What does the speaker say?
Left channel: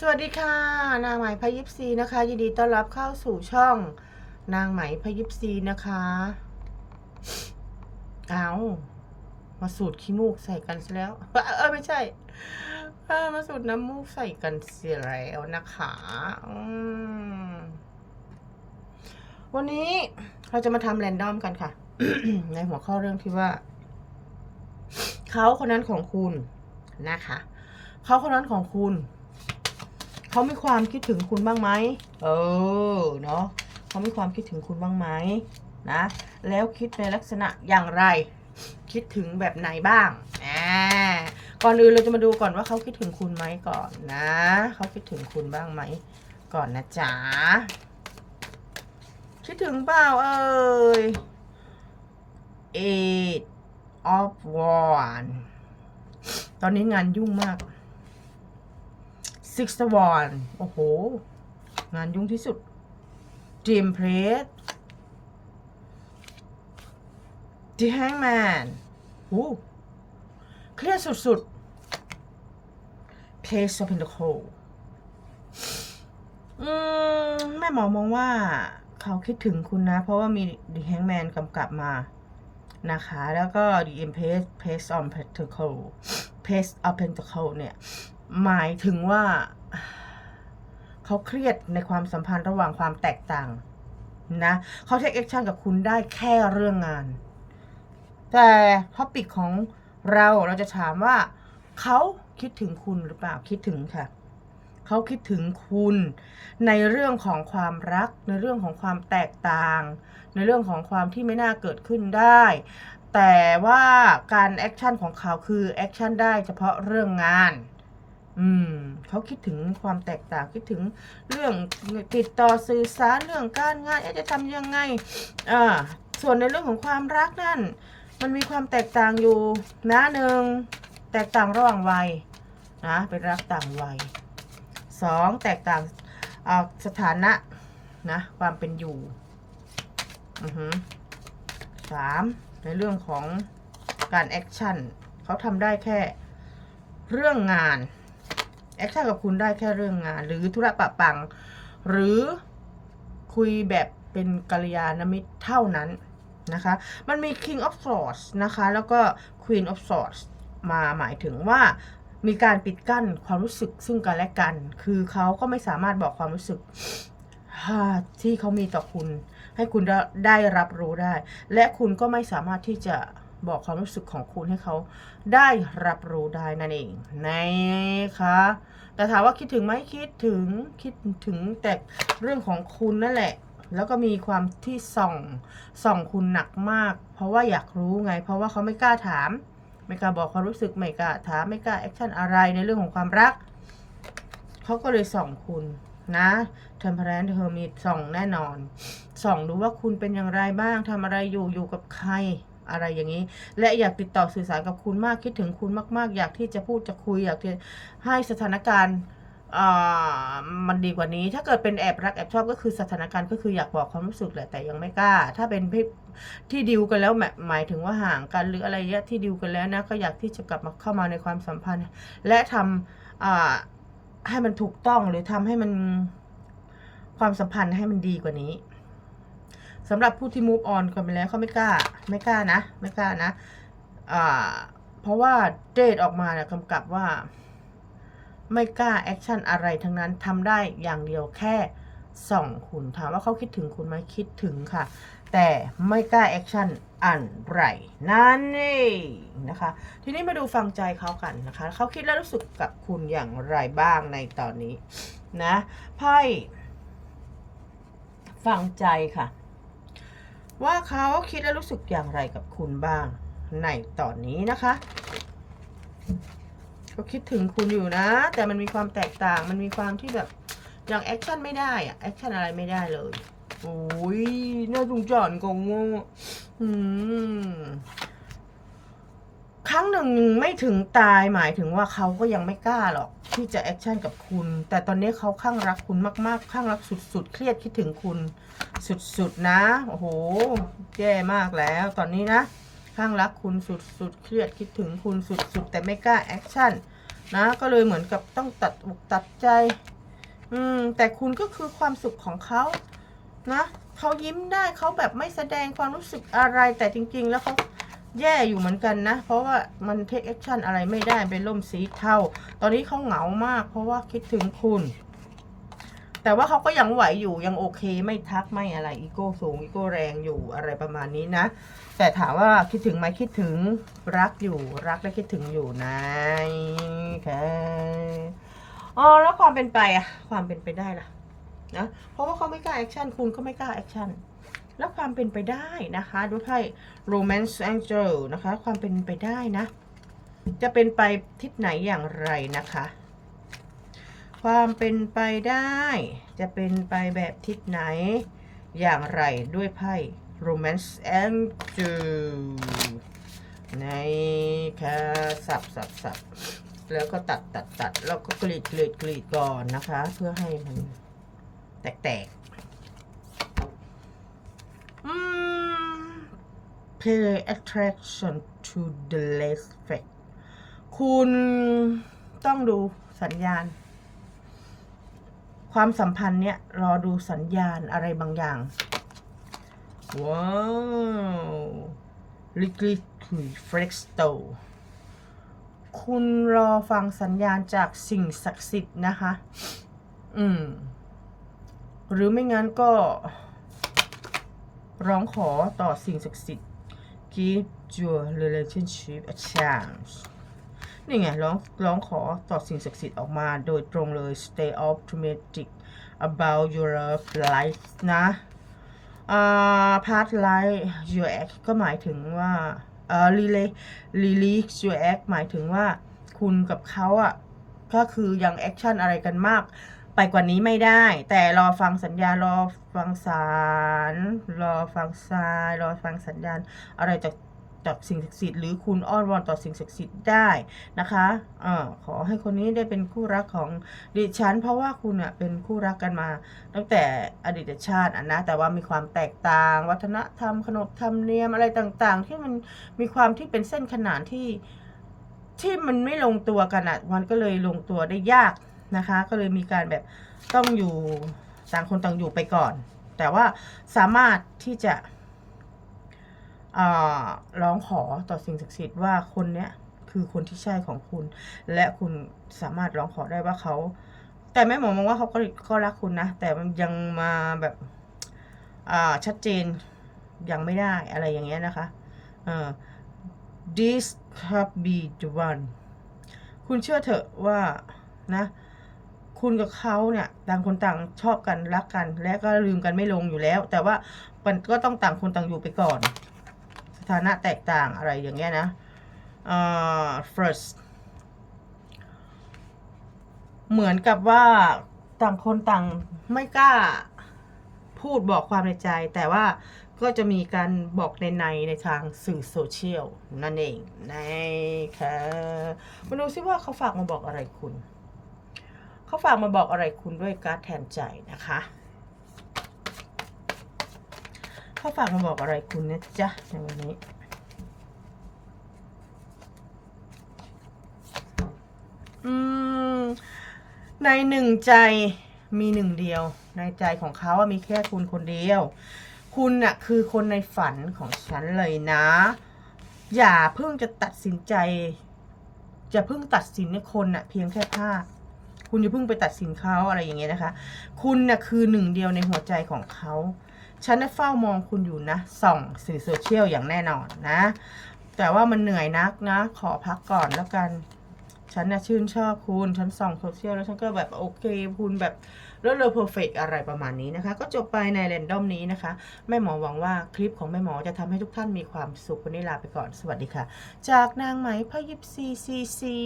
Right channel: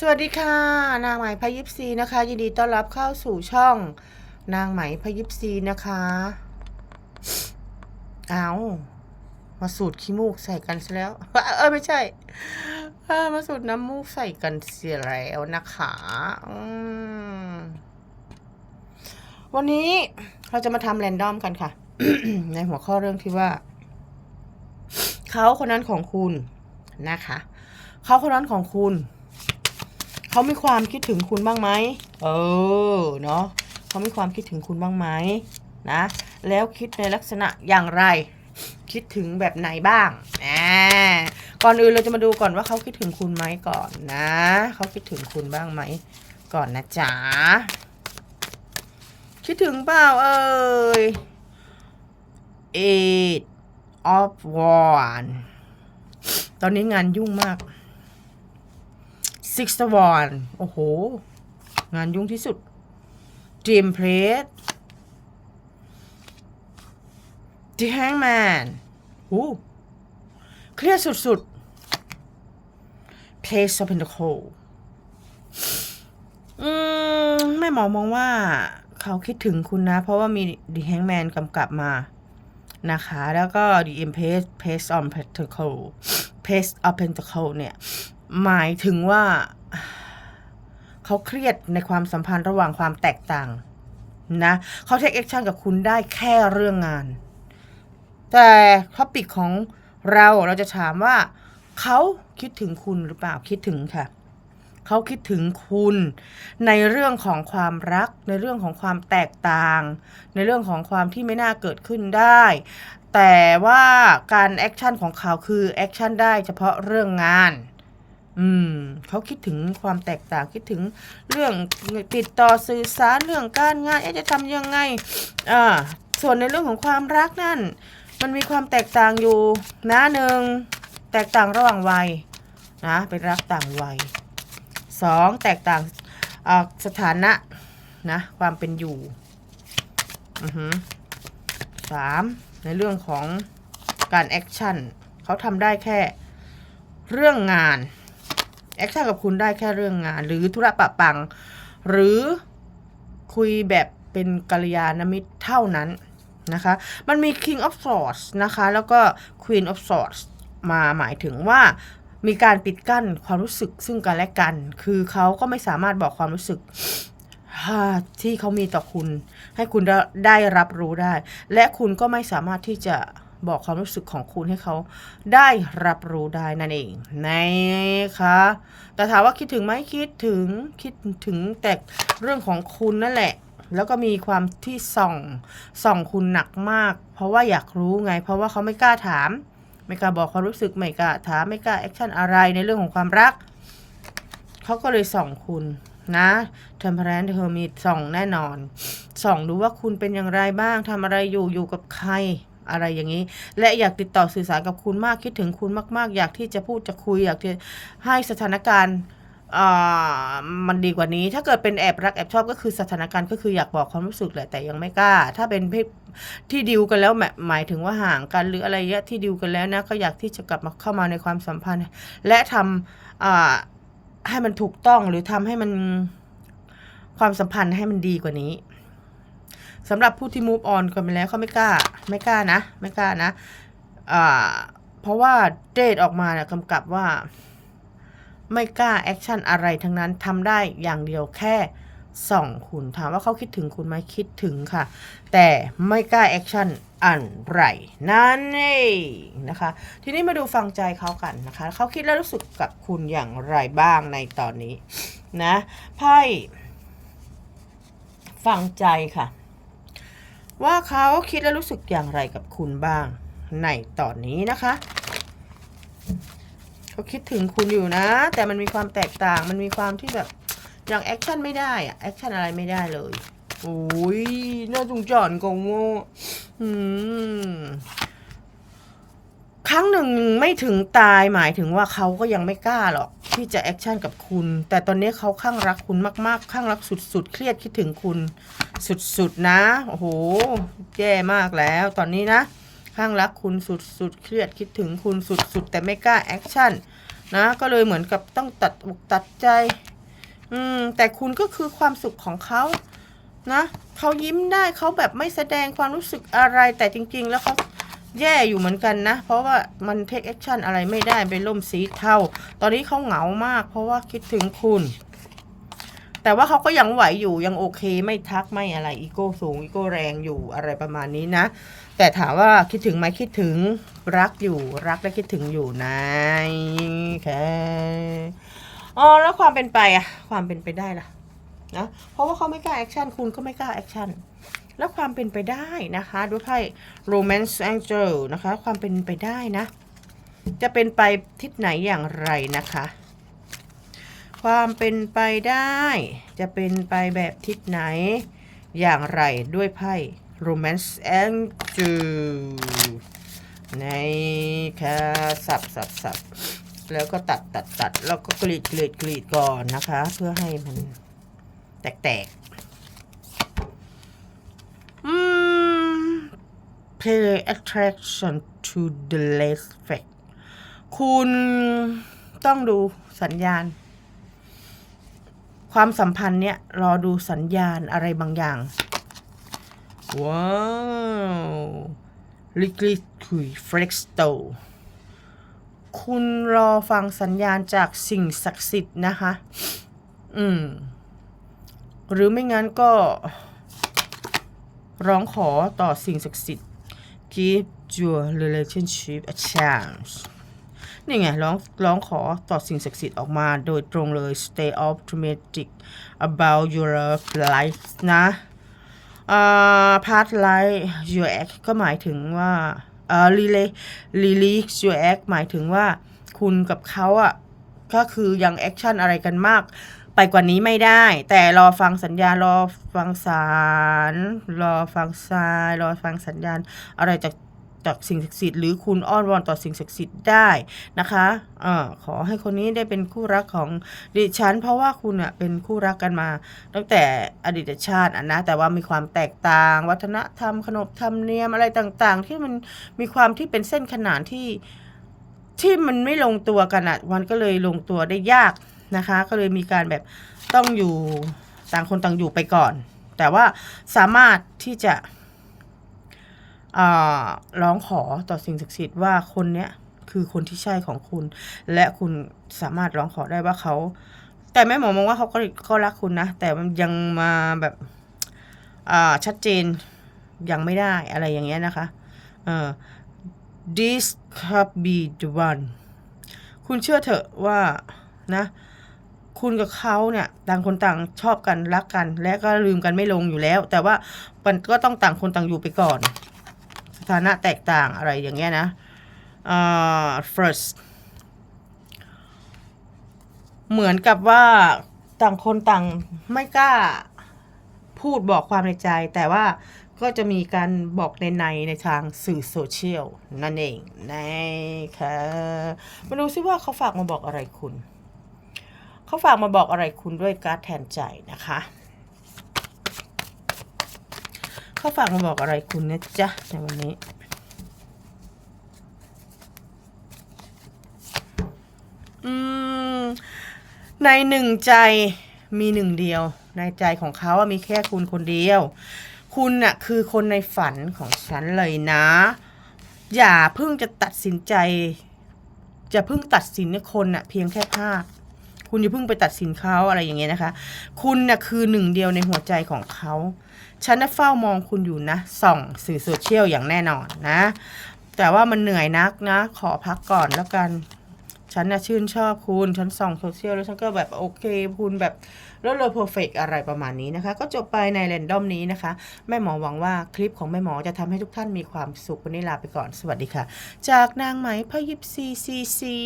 สวัสดีค่ะ นางไหมพยิปซีนะคะ ยินดีต้อนรับเข้าสู่ช่อง นางไหมพยิปซีนะคะ เอามาสูดขี้มูกใส่กันซะแล้ว เออไม่ใช่มาสูดน้ำมูกใส่กันเสียแล้วนะคะวันนี้เราจะมาทำแรนดอมกันค่ะ ในหัวข้อเรื่องที่ว่า เขาคนนั้นของคุณนะคะ เขาคนนั้นของคุณ เขามีความคิดถึงคุณบ้างไหมเออเนาะเขามีความคิดถึงคุณบ้างไหมนะแล้วคิดในลักษณะอย่างไร คิดถึงแบบไหนบ้างอ่าก่อนอื่นเราจะมาดูก่อนว่าเขาคิดถึงคุณไหมก่อนนะเขาคิดถึงคุณบ้างไหมก่อนนะจ๊ะคิดถึงเปล่าเอ่ย eight of one ตอนนี้งานยุ่งมาก six of one โอ้โห งานยุ่งที่สุด dream plate the hangman หูเครียดสุดๆ place of pentacle อืม แม่หมอมองว่าเขาคิดถึงคุณนะ เพราะว่ามี the hangman กำกับมานะคะ แล้วก็ the empress place on pentacle place of pentacle เนี่ย หมายถึงว่าเขาเครียดในความสัมพันธ์ระหว่างความแตกต่างนะเขาเทคแอคชั่นกับคุณได้แค่เรื่องงาน แต่ท็อปิกของเราเราจะถามว่าเขาคิดถึงคุณหรือเปล่าคิดถึงค่ะเขาคิดถึงคุณในเรื่องของความรัก ในเรื่องของความแตกต่าง ในเรื่องของความที่ไม่น่าเกิดขึ้นได้ แต่ว่าการแอคชั่นของเขาคือแอคชั่นได้เฉพาะเรื่องงาน อืมเขาคิดถึงความแตกต่างคิดถึงเรื่องติดต่อสื่อสารเรื่องการงานเอ๊ะจะทำยังไงอ่าส่วนในเรื่องของความรักนั่น มันมีความแตกต่างอยู่นะหนึ่งแตกต่างระหว่างวัยนะเป็นรักต่างวัยสองแตกต่างอ่าสถานะนะความเป็นอยู่อือหือสามในเรื่องของการแอคชั่นเขาทำได้แค่เรื่องงาน แอคชั่นกับคุณได้แค่เรื่องงาน หรือธุระปะปัง หรือคุยแบบเป็นกัลยาณมิตรเท่านั้นนะคะ มันมี King of Swords นะคะ แล้วก็ Queen of Swords มาหมายถึงว่ามีการปิดกั้นความรู้สึกซึ่งกันและกัน คือเขาก็ไม่สามารถบอกความรู้สึกที่เขามีต่อคุณ ให้คุณได้ได้รับรู้ได้ และคุณก็ไม่สามารถที่จะ บอกความรู้สึกของคุณให้เขาได้รับรู้ได้นั่นเองนะคะแต่ถามว่าคิดถึงไหมคิดถึงคิดถึงแต่เรื่องของคุณนั่นแหละ แล้วก็มีความที่ส่องส่องคุณหนักมาก เพราะว่าอยากรู้ไง เพราะว่าเขาไม่กล้าถาม ไม่กล้าบอกความรู้สึกไม่กล้าถามไม่กล้าแอคชั่นอะไรในเรื่องของความรักเขาก็เลยส่องคุณนะเทมเพลนเธอมีส่องแน่นอน ส่องดูว่าคุณเป็นอย่างไรบ้างทำอะไรอยู่อยู่กับใคร อะไรอย่างนี้ และอยากติดต่อสื่อสารกับคุณมากคิดถึงคุณมากๆ อยากที่จะพูดจะคุยอยากจะให้สถานการณ์มันดีกว่านี้ ถ้าเกิดเป็นแอบรักแอบชอบก็คือสถานการณ์ก็คืออยากบอกความรู้สึกแหละแต่ยังไม่กล้า ถ้าเป็นที่ดิวกันแล้วหมายถึงว่าห่างกันหรืออะไรเงี้ยที่ดิวกันแล้วนะก็อยากที่จะกลับมาเข้ามาในความสัมพันธ์ และทำอ่าให้มันถูกต้องหรือทำให้มันความสัมพันธ์ให้มันดีกว่านี้ สำหรับผู้ที่ move on กันไปแล้วเขาไม่กล้า ไม่กล้านะ ไม่กล้านะอ่าเพราะว่าเดทออกมาเนี่ยกำกับว่า ไม่กล้าแอคชั่นอะไรทั้งนั้นทำได้อย่างเดียวแค่ส่องคุณถามว่าเขาคิดถึงคุณไหมคิดถึงค่ะ แต่ไม่กล้าแอคชั่นอันไรนั่นเองนะคะ ทีนี้มาดูฟังใจเขากันนะคะ เขาคิดและรู้สึกกับคุณอย่างไรบ้างในตอนนี้นะไพ่ฟังใจค่ะ ว่าเขาคิดและรู้สึกอย่างไรกับคุณบ้าง ในตอนนี้นะคะเขาคิดถึงคุณอยู่นะ แต่มันมีความแตกต่างมันมีความที่แบบอย่างแอคชั่นไม่ได้อะแอคชั่นอะไรไม่ได้เลยโอ้ยน่าสงสารกงโง่อืม ครั้งหนึ่งไม่ถึงตายหมายถึงว่าเขาก็ยังไม่กล้าหรอกที่จะแอคชั่นกับคุณ แต่ตอนนี้เขาข้างรักคุณมากๆข้างรักสุดๆ เครียดคิดถึงคุณ สุดๆนะ โอ้โห แย่มากแล้ว ตอนนี้นะ ข้างรักคุณสุดๆ เครียดคิดถึงคุณสุดๆ แต่ไม่กล้าแอคชั่นนะ ก็เลยเหมือนกับต้องตัดอกตัดใจ อืม แต่คุณก็คือความสุขของเขานะเขายิ้มได้เขาแบบไม่แสดงความรู้สึกอะไรแต่จริง ๆ แล้วเขา แย่อยู่เหมือนกันนะ เพราะว่ามันเทคแอคชั่นอะไรไม่ได้เป็นล่มสีเทาตอนนี้เขาเหงามาก เพราะว่าคิดถึงคุณ แต่ว่าเขาก็ยังไหวอยู่ยังโอเค ไม่ทักไม่อะไรอีโก้สูงอีโก้แรงอยู่อะไรประมาณนี้นะ แต่ถามว่าคิดถึงไหมคิดถึงรักอยู่รักและคิดถึงอยู่นะแค่อ๋อแล้วความเป็นไปอะความเป็นไปได้ล่ะนะเพราะว่าเขาไม่กล้าแอคชั่นคุณก็ไม่กล้าแอคชั่น แล้วความเป็นไปได้นะคะดูไพ่ romance angel นะคะ ความเป็นไปได้นะ จะเป็นไปทิศไหนอย่างไรนะคะ ความเป็นไปได้ จะเป็นไปแบบทิศไหนอย่างไรด้วยไพ่ romance angel ในค่ะสับสับสับแล้วก็ตัดตัดตัดแล้วก็กรีดกรีดกรีดก่อนนะคะ เพื่อให้มันแตกอืม pay attraction to the less fact คุณต้องดูสัญญาณ ความสัมพันธ์เนี่ย รอดูสัญญาณอะไรบางอย่าง ว้าวลิกลิคุยเฟร็กสโตคุณรอฟังสัญญาณจากสิ่งศักดิ์สิทธิ์นะคะ อืม หรือไม่งั้นก็ ร้องขอต่อสิ่งศักดิ์สิทธิ์ give your relationship a chance นี่ไงร้องร้องขอต่อสิ่งศักดิ์สิทธิ์ออกมาโดยตรงเลย stay optimistic about your life นะอ่า part life your act ก็หมายถึงว่าอ่า relay release your act หมายถึงว่าคุณกับเขาอะก็คือยังแอคชั่นอะไรกันมาก ไปกว่านี้ไม่ได้ แต่รอฟังสัญญา รอฟังสาร รอฟังทราย รอฟังสัญญาณ อะไรจากจากสิ่งศักดิ์สิทธิ์หรือคุณอ้อนวอนต่อสิ่งศักดิ์สิทธิ์ได้นะคะเอ่อขอให้คนนี้ได้เป็นคู่รักของดิฉัน เพราะว่าคุณอะเป็นคู่รักกันมา ตั้งแต่อดีตชาติอะนะแต่ว่ามีความแตกต่าง วัฒนธรรมขนบธรรมเนียมอะไรต่างๆ ที่มันมีความที่เป็นเส้นขนานที่ที่มันไม่ลงตัวกันอะมันก็เลยลงตัวได้ยาก นะคะ ก็เลยมีการแบบต้องอยู่ต่างคนต่างอยู่ไปก่อน แต่ว่าสามารถที่จะร้องขอต่อสิ่งศักดิ์สิทธิ์ว่าคนเนี้ยคือคนที่ใช่ของคุณ และคุณสามารถร้องขอได้ว่าเขา แต่แม่หมอมองว่าเขาก็ก็รักคุณนะ แต่มันยังมาแบบชัดเจนยังไม่ได้อะไรอย่างเงี้ยนะคะ this could be the one คุณเชื่อเถอะว่านะ คุณกับเขาเนี่ยต่างคนต่างชอบกันรักกัน และก็ลืมกันไม่ลงอยู่แล้ว แต่ว่ามันก็ต้องต่างคนต่างอยู่ไปก่อน สถานะแตกต่างอะไรอย่างเงี้ยนะอ่า first เหมือนกับว่าต่างคนต่างไม่กล้าพูดบอกความในใจ แต่ว่าก็จะมีการบอกในในในทางสื่อโซเชียลนั่นเองนะคะมาดูซิว่าเขาฝากมาบอกอะไรคุณ เขาฝากมาบอกอะไรคุณด้วยการ์ดแทนใจนะคะเขาฝากมาบอกอะไรคุณนะจ๊ะในวันนี้อืมในหนึ่งใจมีหนึ่งเดียว ในใจของเขาอะมีแค่คุณคนเดียว คุณน่ะคือคนในฝันของฉันเลยนะ อย่าเพิ่งจะตัดสินใจ จะเพิ่งตัดสินคนน่ะเพียงแค่ภาพ คุณอย่าเพิ่งไปตัดสินเขาอะไรอย่างเงี้ยนะคะ คุณน่ะคือหนึ่งเดียวในหัวใจของเขาฉันน่ะเฝ้ามองคุณอยู่นะส่องสื่อโซเชียลอย่างแน่นอนนะ แต่ว่ามันเหนื่อยนักนะ ขอพักก่อนแล้วกันฉันน่ะชื่นชอบคุณ ฉันส่องโซเชียลแล้วฉันก็แบบโอเค คุณแบบแล้วเลยเพอร์เฟกอะไรประมาณนี้นะคะ ก็จบไปในแรนดอมนี้นะคะ แม่หมอหวังว่าคลิปของแม่หมอจะทำให้ทุกท่านมีความสุขวันนี้ลาไปก่อน สวัสดีค่ะ จากนางไหมพยิบซีซีซี